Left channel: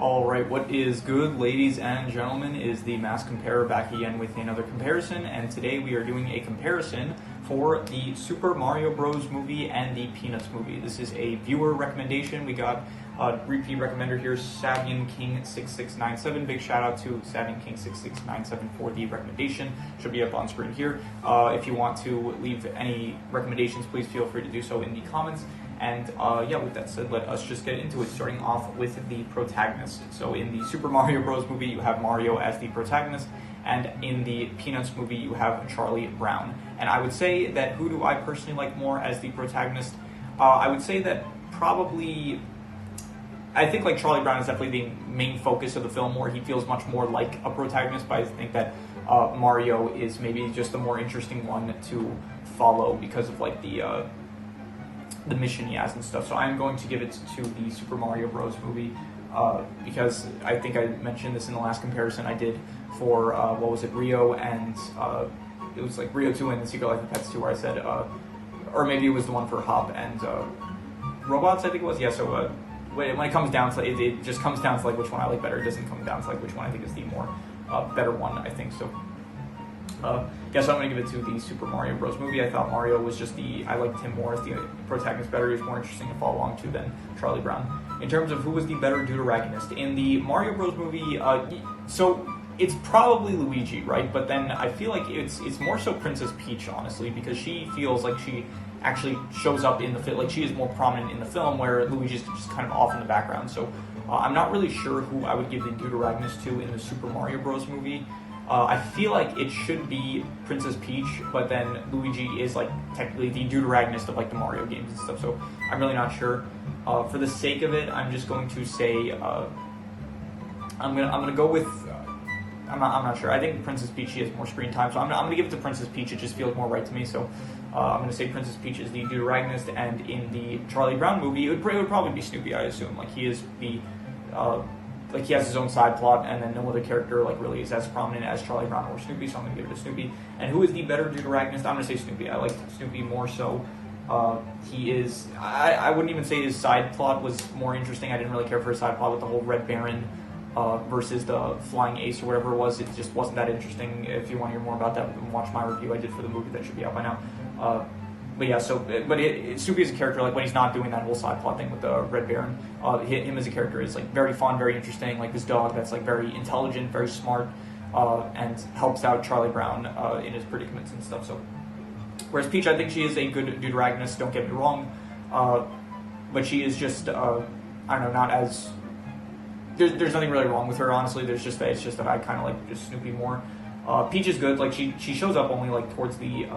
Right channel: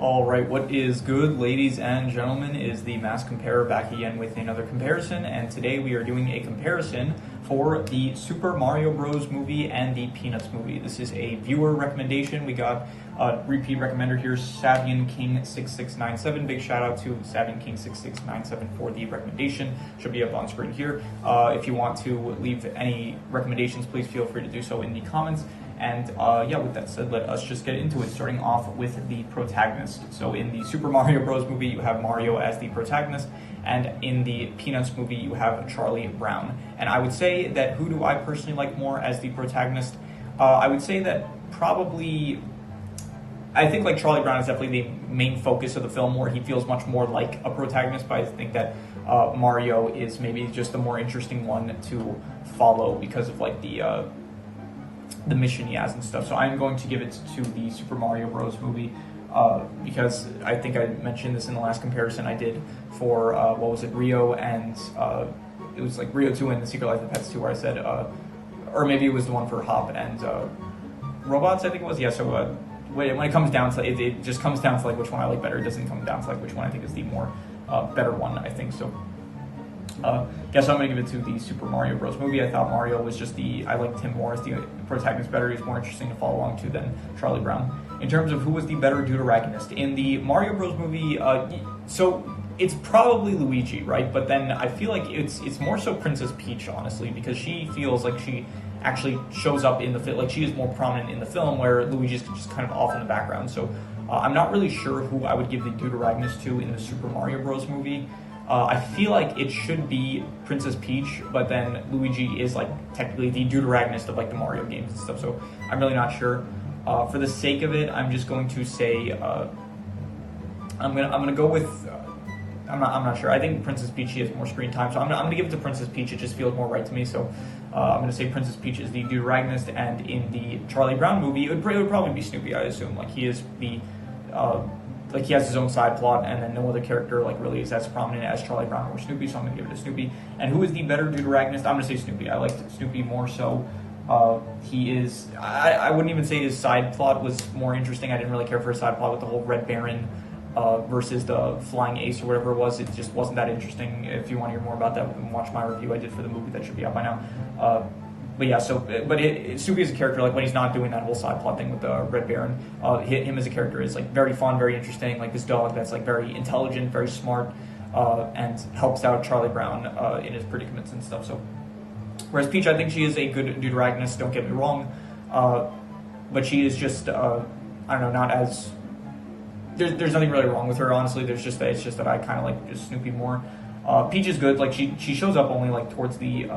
Alright, what is good, ladies and gentlemen, is the Mass Comparer back again with another comparison, and today we are doing a comparison for the Super Mario Bros. Movie and the Peanuts movie. This is a viewer recommendation. We got a repeat recommender here, Savian King 6697. Big shout out to Savian King 6697 for the recommendation. Should be up on screen here. If you want to leave any recommendations, please feel free to do so in the comments. And yeah, with that said, let us just get into it, starting off with the protagonist. So in the Super Mario Bros. Movie, you have Mario as the protagonist, and in the Peanuts movie, you have Charlie Brown. And I would say that who do I personally like more as the protagonist? I would say that probably, I think like Charlie Brown is definitely the main focus of the film, where he feels much more like a protagonist, but I think that Mario is maybe just the more interesting one to follow because of like the mission he has and stuff. So I'm going to give it to the Super Mario Bros. Movie because I think I mentioned this in the last comparison I did for, what was it, Rio, and it was like Rio 2 and The Secret Life of Pets 2, where I said, or maybe it was the one for Hop and Robots, I think it was. Yeah, so when it comes down to it just comes down to like which one I like better. It doesn't come down to like which one I think is the more better one, I think. So guess I'm going to give it to the Super Mario Bros. Movie. I thought Mario was just I liked him more as the protagonist better. He was more interesting to follow along to than Charlie Brown. In terms of who was the better deuteragonist, in the Mario Bros. Movie, so it's probably Luigi, right? But then I feel like it's more so Princess Peach, honestly, because she feels like she actually shows up in the film, like she is more prominent in the film, where Luigi's just kind of off in the background. So I'm not really sure who I would give the deuteragonist to in the Super Mario Bros. Movie. I feel like it should be Princess Peach, but then Luigi is like technically the deuteragonist of like the Mario games and stuff, so I'm really not sure. For the sake of it, I'm just going to say I'm gonna go with I'm not sure. I think Princess Peach has more screen time, so I'm gonna give it to Princess Peach. It just feels more right to me, so I'm gonna say Princess Peach is the deuteragonist, and in the Charlie Brown movie, it would probably be Snoopy, I assume. Like he is the like he has his own side plot, and then no other character like really is as prominent as Charlie Brown or Snoopy, so I'm gonna give it to Snoopy. And who is the better deuteragonist? I'm gonna say Snoopy. I liked Snoopy more so. He is, I wouldn't even say his side plot was more interesting. I didn't really care for his side plot with the whole Red Baron versus the Flying Ace or whatever it was. It just wasn't that interesting. If you want to hear more about that, watch my review I did for the movie that should be out by now. But yeah, so, Snoopy as a character, like when he's not doing that whole side plot thing with the Red Baron, him as a character is like very fun, very interesting, like this dog that's like very intelligent, very smart, and helps out Charlie Brown in his predicaments and stuff. So, whereas Peach, I think she is a good deuteragonist, don't get me wrong, but she is just, I don't know, not as, there's nothing really wrong with her, honestly. It's just that I kind of like just Snoopy more. Peach is good, like she shows up only like towards the,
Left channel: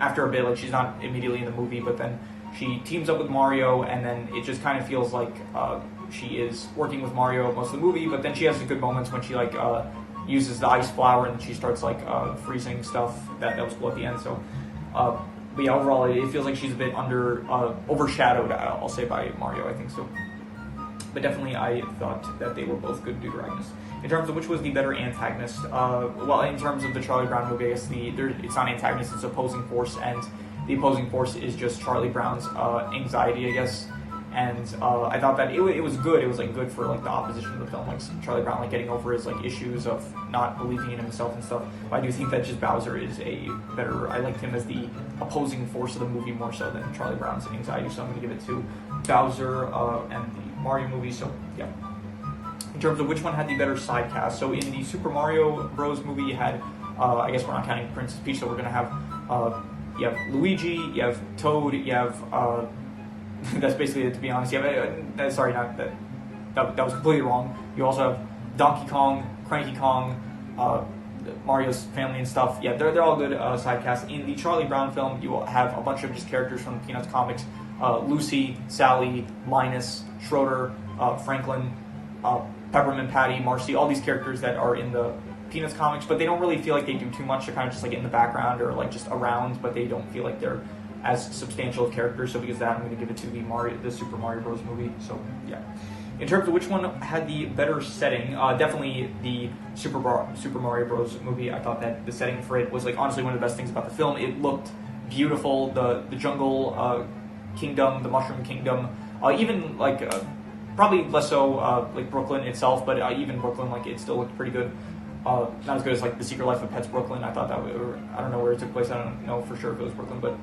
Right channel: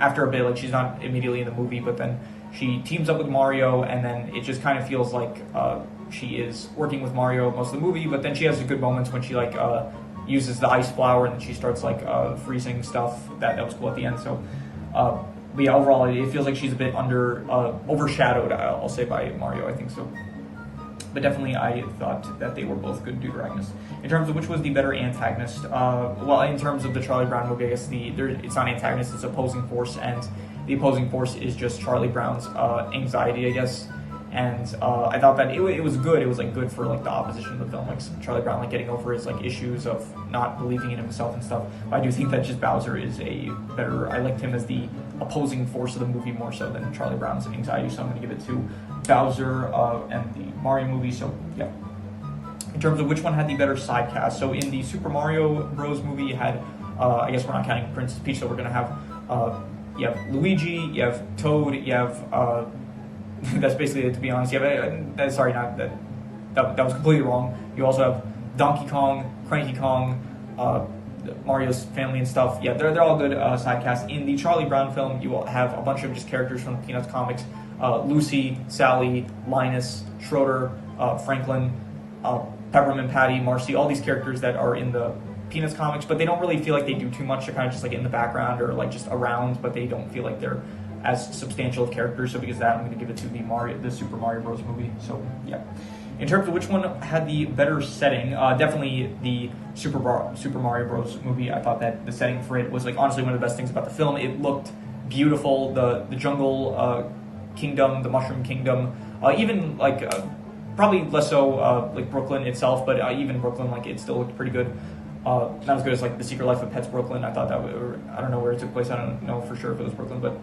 after a bit, like she's not immediately in the movie, but then she teams up with Mario, and then it just kind of feels like she is working with Mario most of the movie, but then she has good moments when she like uses the ice flower, and then she starts like freezing stuff. That was cool at the end. So, but yeah, overall it feels like she's a bit overshadowed, I'll say, by Mario, I think so. But definitely I thought that they were both good deuteragonists. In terms of which was the better antagonist, well, in terms of the Charlie Brown movie, I guess it's not antagonist, it's opposing force, and the opposing force is just Charlie Brown's anxiety, I guess. And I thought that it was good. It was like good for like the opposition of the film, like Charlie Brown like getting over his like issues of not believing in himself and stuff. But I do think that just Bowser is a better. I liked him as the opposing force of the movie more so than Charlie Brown's anxiety. So I'm going to give it to Bowser and the Mario movie. So yeah. In terms of which one had the better side cast, so in the Super Mario Bros. Movie, you had I guess we're not counting Princess Peach, so we're going to have you have Luigi, you have Toad, you have that's basically it, to be honest. Yeah, sorry, not that. That was completely wrong. You also have Donkey Kong, Cranky Kong, Mario's family and stuff. Yeah, they're all good side casts. In the Charlie Brown film, you will have a bunch of just characters from the Peanuts comics: Lucy, Sally, Linus, Schroeder, Franklin, Peppermint Patty, Marcy. All these characters that are in the Peanuts comics, but they don't really feel like they do too much. They're kind of just like in the background or like just around, but they don't feel like they're as substantial of characters. So because of that, I'm going to give it to the Super Mario Bros. Movie. So yeah. In terms of which one had the better setting, definitely the Super Mario Bros. Movie. I thought that the setting for it was like honestly one of the best things about the film. It looked beautiful. The jungle kingdom, the Mushroom Kingdom, even like Probably less so like Brooklyn itself, but even Brooklyn, like it still looked pretty good. Not as good as like The Secret Life of Pets Brooklyn. I thought that I don't know where it took place. I don't know for sure if it was Brooklyn, but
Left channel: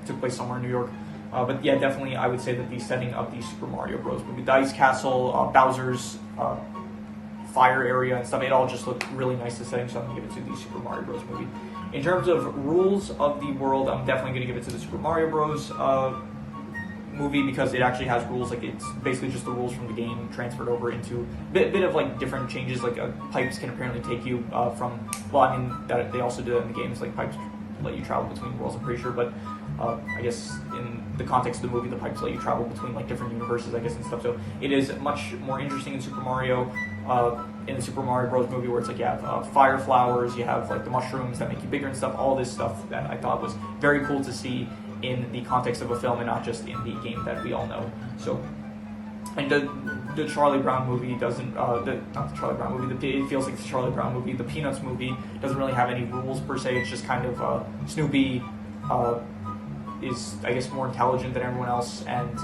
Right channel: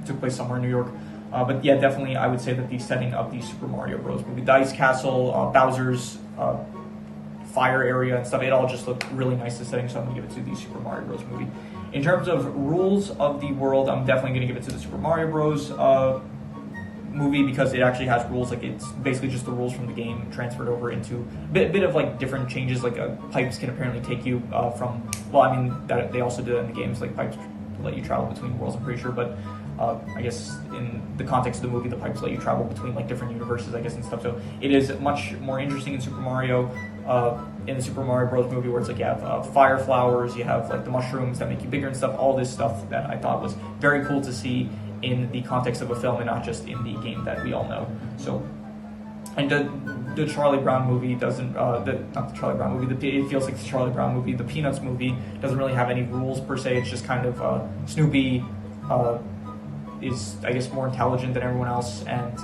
it took place somewhere in New York. But yeah, definitely I would say that the setting of the Super Mario Bros. Movie, the Ice Castle, Bowser's fire area and stuff, it all just looked really nice to setting, so I'm going to give it to the Super Mario Bros. Movie. In terms of rules of the world, I'm definitely going to give it to the Super Mario Bros. Movie because it actually has rules. Like it's basically just the rules from the game transferred over into a bit of like different changes. Like pipes can apparently take you from, well, I mean that they also do it in the games, like pipes let you travel between worlds, I'm pretty sure, but I guess in the context of the movie, the pipes let you travel between like different universes, I guess, and stuff. So it is much more interesting in Super Mario, in the Super Mario Bros. Movie, where it's like you have fire flowers, you have like the mushrooms that make you bigger and stuff. All this stuff that I thought was very cool to see in the context of a film and not just in the game that we all know. So, and the Charlie Brown movie doesn't, not the Charlie Brown movie, it feels like the Charlie Brown movie, the Peanuts movie doesn't really have any rules per se. It's just kind of Snoopy is, I guess, more intelligent than everyone else, and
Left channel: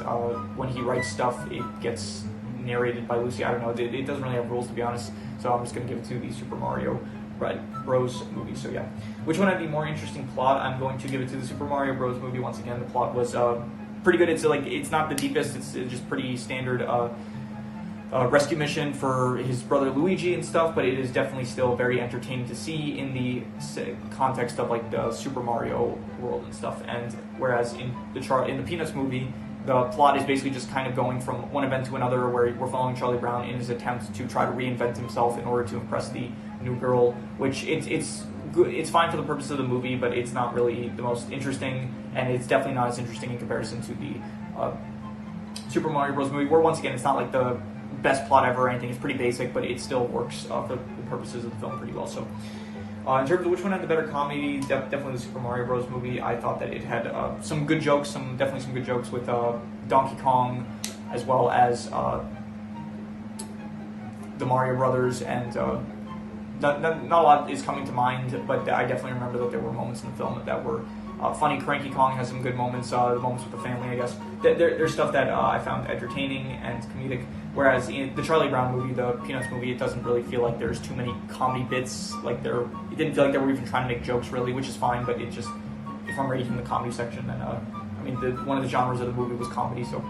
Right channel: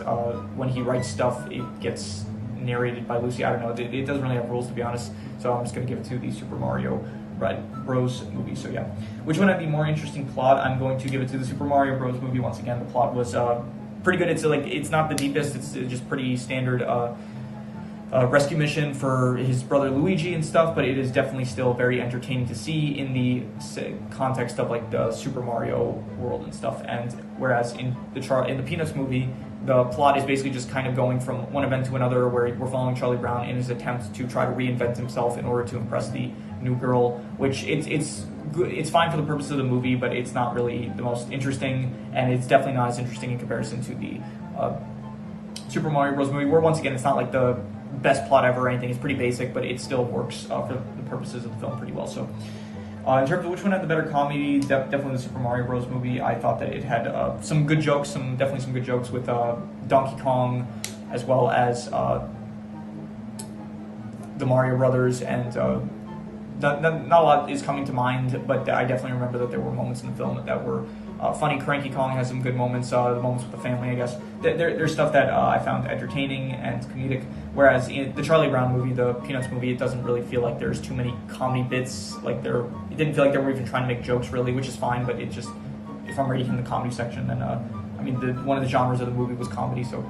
when he writes stuff, it gets narrated by Lucy. I don't know, it doesn't really have rules, to be honest, so I'm just going to give it to the Super Mario Bros. Movie. So yeah, which one had the more interesting plot? I'm going to give it to the Super Mario Bros. Movie. Once again, the plot was pretty good. It's not the deepest, it's just pretty standard rescue mission for his brother Luigi and stuff, but it is definitely still very entertaining to see in the context of like the Super Mario world and stuff. And whereas in the Peanuts movie, the plot is basically just kind of going from one event to another, where we're following Charlie Brown in his attempt to try to reinvent himself in order to impress the new girl, which it's good. It's fine for the purpose of the movie, but it's not really the most interesting, and it's definitely not as interesting in comparison to the Super Mario Bros. Movie, where once again, it's not like the best plot ever or anything. It's pretty basic, but it still works for the purposes of the film pretty well. So in terms of which one had the better comedy, definitely the Super Mario Bros. Movie. I thought that it had some good jokes, definitely some good jokes with Donkey Kong, as well as the Mario Brothers, and not a lot is coming to mind, but I definitely remember that there were moments in the film that were funny. Cranky Kong has some good moments, the moments with the family, I guess. There's stuff that I found entertaining and comedic, whereas in the Charlie Brown movie, the Peanuts movie, it doesn't really feel like there's too many comedy bits. Like it didn't feel like they were even trying to make jokes, really, which is fine, but it just, if I'm reading from the comedy section, then, I mean, one of the genres of the movie was comedy, so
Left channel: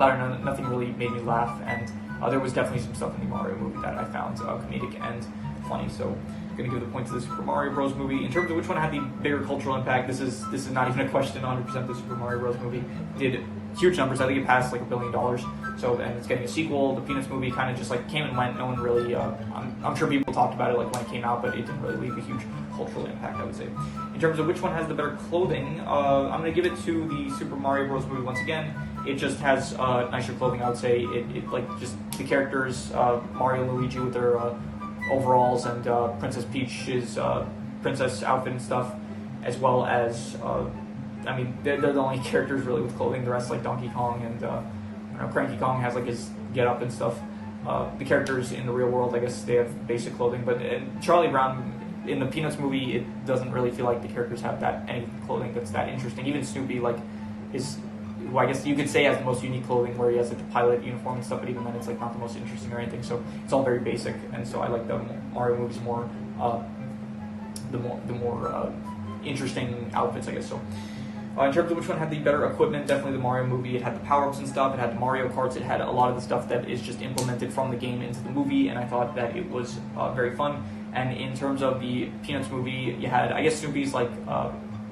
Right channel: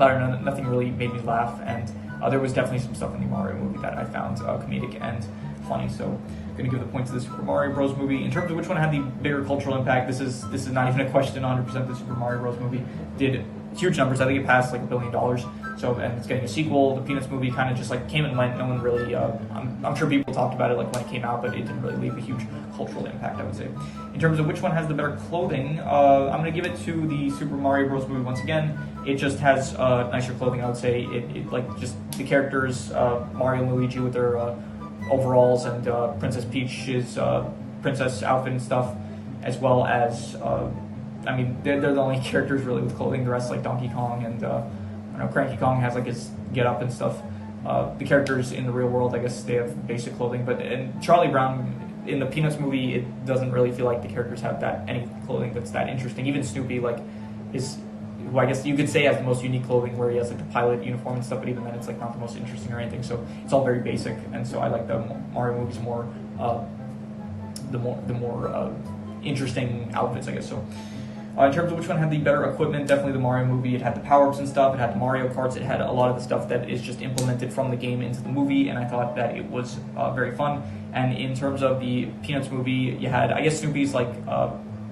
I don't know, nothing really made me laugh, and there was definitely some stuff in the Mario movie that I found comedic and funny, so I'm going to give the point to the Super Mario Bros. Movie. In terms of which one had the bigger cultural impact, this is not even a question. 100% the Super Mario Bros. Movie did huge numbers. I think it passed like $1 billion. So, and it's getting a sequel. The Peanuts movie kind of just like came and went. No one really, I'm sure people talked about it like when it came out, but it didn't really leave a huge cultural impact, I would say. In terms of which one has the better clothing, I'm going to give it to the Super Mario Bros. Movie once again. It just has nicer clothing, I would say. It like just the characters, Mario and Luigi with their overalls, and Princess Peach's princess outfit and stuff, as well as I mean, they're the only characters really with clothing. The rest, like Donkey Kong and I don't know, Cranky Kong has like his get up and stuff. The characters in the real world, I guess, they have basic clothing, but in Charlie Brown, in the Peanuts movie, it doesn't really feel like the characters have any clothing that's that interesting. Even Snoopy, like, who I guess you could say has the most unique clothing, where he has like the pilot uniform and stuff, but even then it's like not the most interesting or anything. So it's all very basic, and so I like the Mario movies more, the more interesting outfits, I guess. So in terms of which one had the better equipment, definitely the Mario movie. It had the power-ups and stuff, it had the Mario Karts, it had a lot of the stuff that is just implemented from the game into the movie, and I thought that it was very fun. And in terms of the Peanuts movie, you had, I guess, Snoopy's like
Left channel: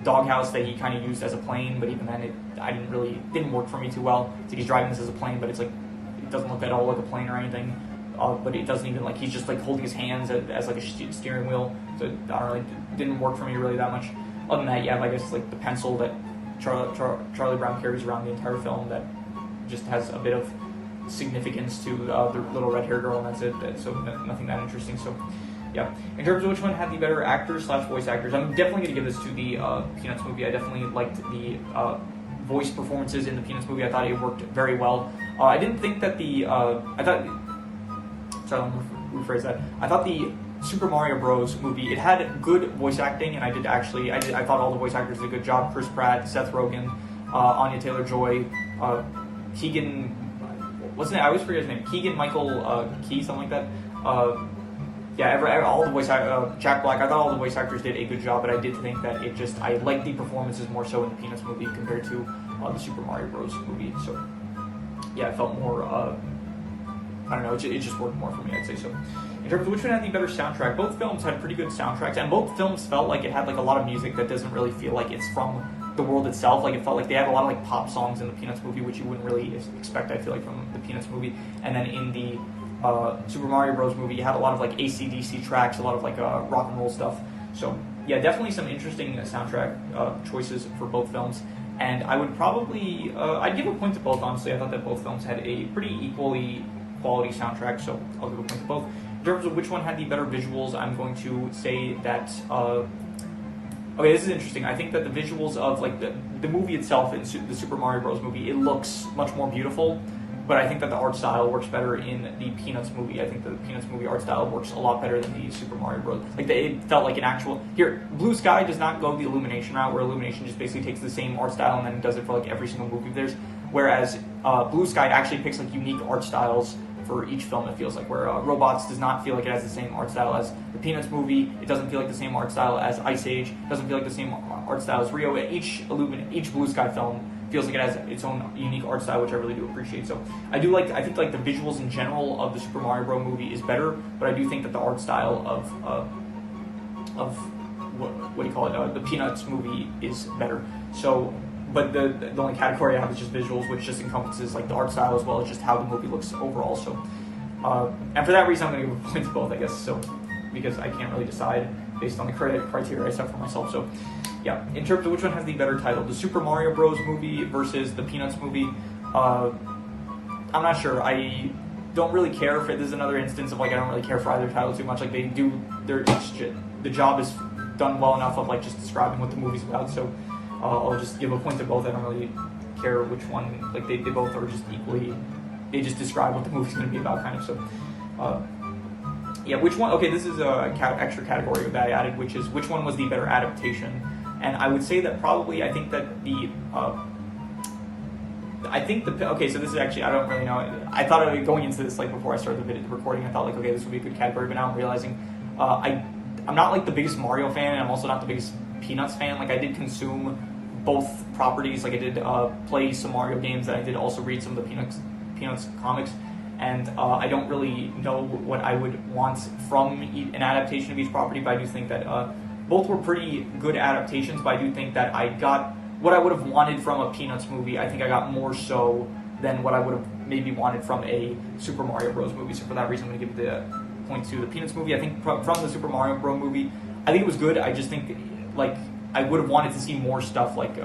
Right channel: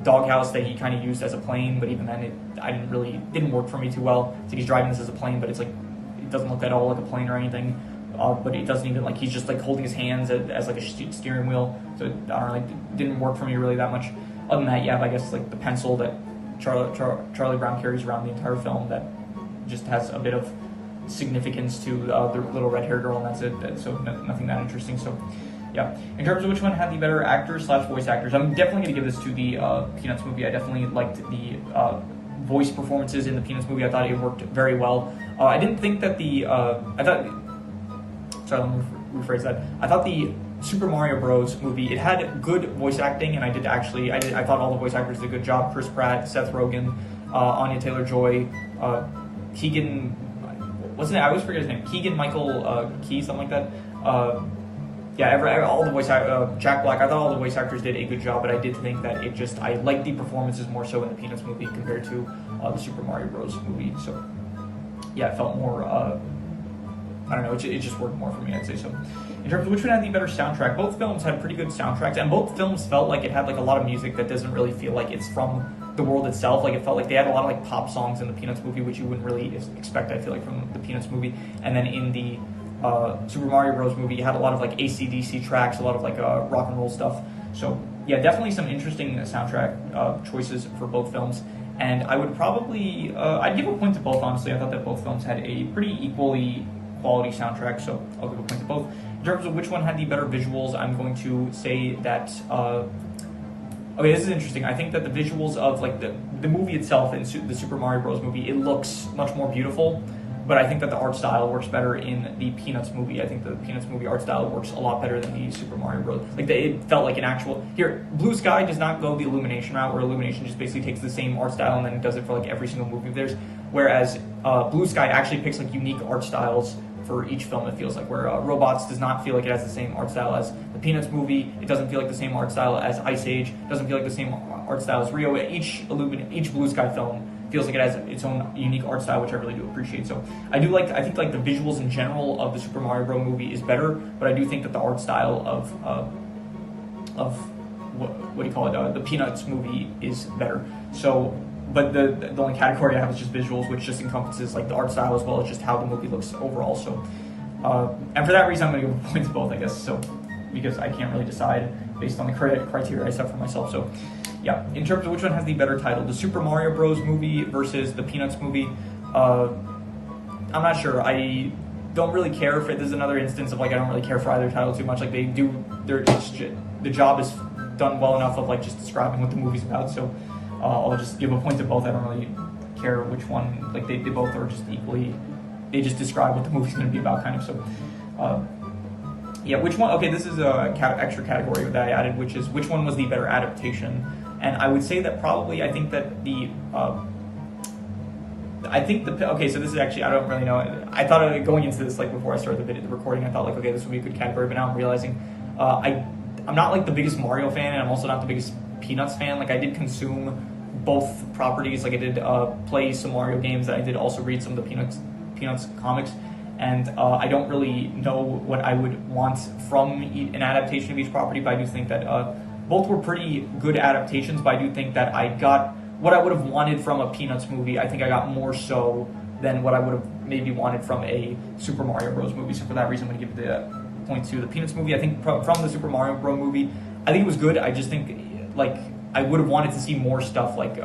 doghouse that he kind of used as a plane, but even then it didn't work for me too well. It's like he's driving this as a plane, but it's like, it doesn't look at all like a plane or anything, but it doesn't even, like, he's just like holding his hands as like a steering wheel, so it didn't work for me really that much. Other than that, you have, I guess, like the pencil that Charlie Brown carries around the entire film that just has a bit of significance to the little red-haired girl, and that's it. So nothing that interesting. So yeah, in terms of which one had the better actors / voice actors, I'm definitely going to give this to the Peanuts movie. I definitely liked the voice performances in the Peanuts movie. I thought it worked very well. I didn't think that let me rephrase that. I thought the Super Mario Bros. Movie, it had good voice acting, and I thought all the voice actors did a good job. Chris Pratt, Seth Rogen, Anya Taylor-Joy, Keegan, wasn't it? I always forget his name. Keegan Michael Key, something like that. All the voice Jack Black. I thought all the voice actors did a good job, but I did think that I liked the performances more so in the Peanuts movie compared to the Super Mario Bros. Movie. So yeah, it felt more. I don't know. It just worked more for me, I'd say so. In terms of which one had the better soundtrack, both films had pretty good soundtracks, and both films felt like it had like a lot of music that doesn't really feel like it's from the world itself. Like it felt like they had a lot of like pop songs in the Peanuts movie, which you wouldn't really expect, I feel like, from the Peanuts movie. And then in the Super Mario Bros. Movie, you had a lot of like AC/DC tracks, a lot of like rock and roll stuff. So yeah, definitely some interesting soundtrack choices for both films. And I would probably, I'd give a point to both, honestly. I thought that both films had a pretty equally quality soundtrack, so I'll give a point to both. In terms of which one had the better visuals, I'm going to say that, okay, this is interesting. I think that the visuals of like the movie itself, in the Super Mario Bros. Movie, it looks much more beautiful, but I think that the art style works better in the Peanuts movie. I think the Peanuts movie art style works a lot better than the Super Mario Bros. Like it felt like an actual, here, Blue Sky does not go the Illumination route, where Illumination just basically takes the same art style and then does it for like every single movie of theirs, whereas Blue Sky actually picks like unique art styles for each film, it feels like, where Robots does not feel like it has the same art style as the Peanuts movie. It doesn't feel like the same art style as Ice Age. It doesn't feel like the same art style as Rio. Each Blue Sky film feels like it has its own unique art style, which I really do appreciate. So I think like the visuals in general of the Super Mario Bros. Movie is better, but I do think that the art style of what do you call it? The Peanuts movie is better. So. But the only category I have is just visuals, which just encompasses like the art style as well as just how the movie looks overall. So, and for that reason, I'm going to give a point to both, I guess. So, because I can't really decide based on the criteria I set for myself. So, yeah. In terms of which one has the better title, the Super Mario Bros. Movie versus the Peanuts movie, I'm not sure. I don't really care if it is another instance of like I don't really care for either title too much. Like they do, the job is done well enough of like just describing what the movie's about. So. I'll just give a point to both. I don't really care which one. Like they both are just equally. They just describe what the movie's going to be about, kind of. So, yeah. Which one? Okay, this is a extra category that I added, which is which one was the better adaptation. And I would say that probably I think that the. Okay, so this is actually I don't really know. I thought going into this like before I started the recording, I thought like okay, this would be a good category, but now I'm realizing I'm not like the biggest Mario fan, and I'm also not the biggest Peanuts fan. Like I did consume both properties. Like I did play some Mario games, and I did also read some of the Peanuts comics, and I don't really know what I would want from an adaptation of each property, but I do think that both were pretty good adaptations, but I do think that I got what I would have wanted from a Peanuts movie. I think I got more so than what I would have maybe wanted from a Super Mario Bros. Movie, so for that reason I'm going to give the point to the Peanuts movie. I think from the Super Mario Bros. Movie, I think it was good. I just think like I would have wanted to see more stuff like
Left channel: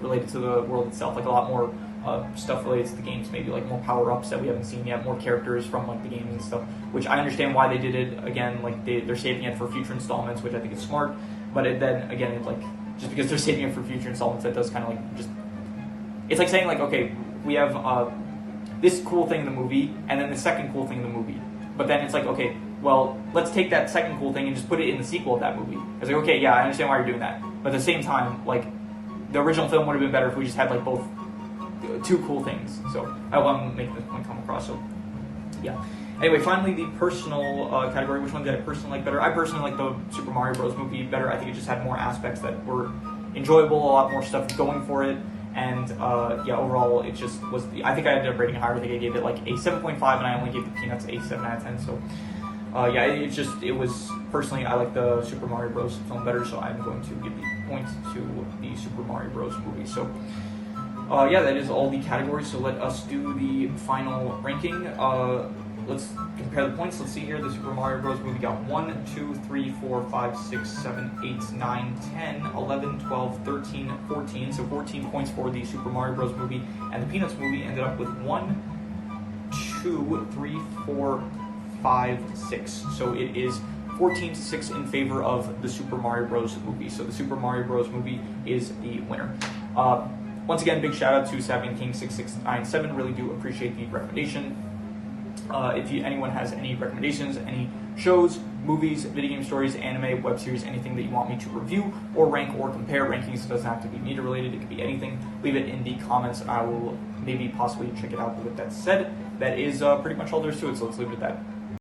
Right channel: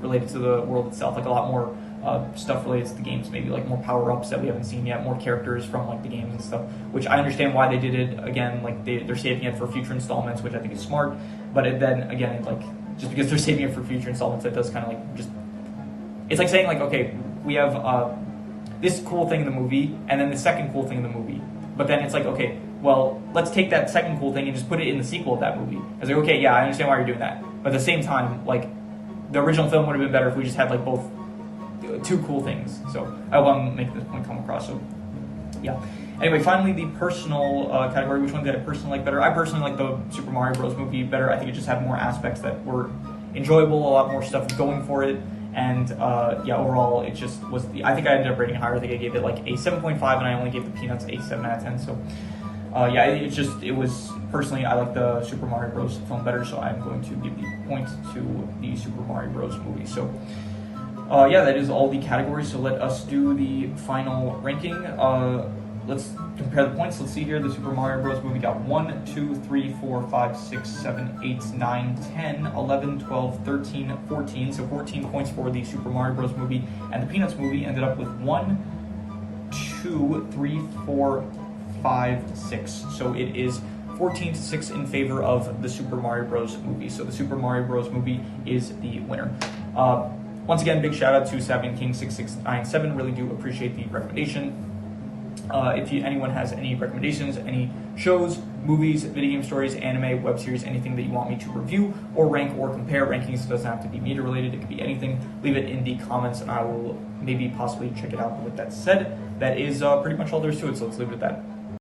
related to the world itself, like a lot more stuff related to the games, maybe like more power-ups that we haven't seen yet, more characters from like the games and stuff, which I understand why they did it. Again, like they're saving it for future installments, which I think is smart, but then again, like just because they're saving it for future installments, that does kind of like just, it's like saying like, okay, we have this cool thing in the movie and then the second cool thing in the movie, but then it's like, okay, well, let's take that second cool thing and just put it in the sequel of that movie. It's like, okay, yeah, I understand why you're doing that. But at the same time, like, the original film would have been better if we just had, like, both two cool things. So, I want to make this point come across. So, yeah. Anyway, finally, the personal category. Which one did I personally like better? I personally like the Super Mario Bros. Movie better. I think it just had more aspects that were enjoyable, a lot more stuff going for it. And, yeah, overall, it just was, I think I ended up rating it higher. I think I gave it, like, a 7.5, and I only gave the Peanuts a 7 out of 10. So, yeah, it was, personally, I like the Super Mario Bros. Film better, so I'm going to give the point to the Super Mario Bros. Movie. So, yeah, that is all the categories, so let us do the final ranking. Let's compare the points. Let's see here. The Super Mario Bros. Movie got 1, 2, 3, 4, 5, 6, 7, 8, 9, 10, 11, 12, 13, 14. So 14 points for the Super Mario Bros. Movie, and the Peanuts movie ended up with 1, 2, 3, 4, 5, 6. So it is 14-6 in favor of the Super Mario Bros. Movie. So the Super Mario Bros. Movie is the winner. Once again, big shout out to Sabian King 6697. Really do appreciate the recommendation. If anyone has any recommendations, any shows, movies, video game stories, anime, web series, anything that you want me to review or rank or compare, rankings doesn't have to be media related, it could be anything, leave it in the comments and I will maybe possibly check it out. But with that said, that is pretty much all there is to it, so let's leave it at that.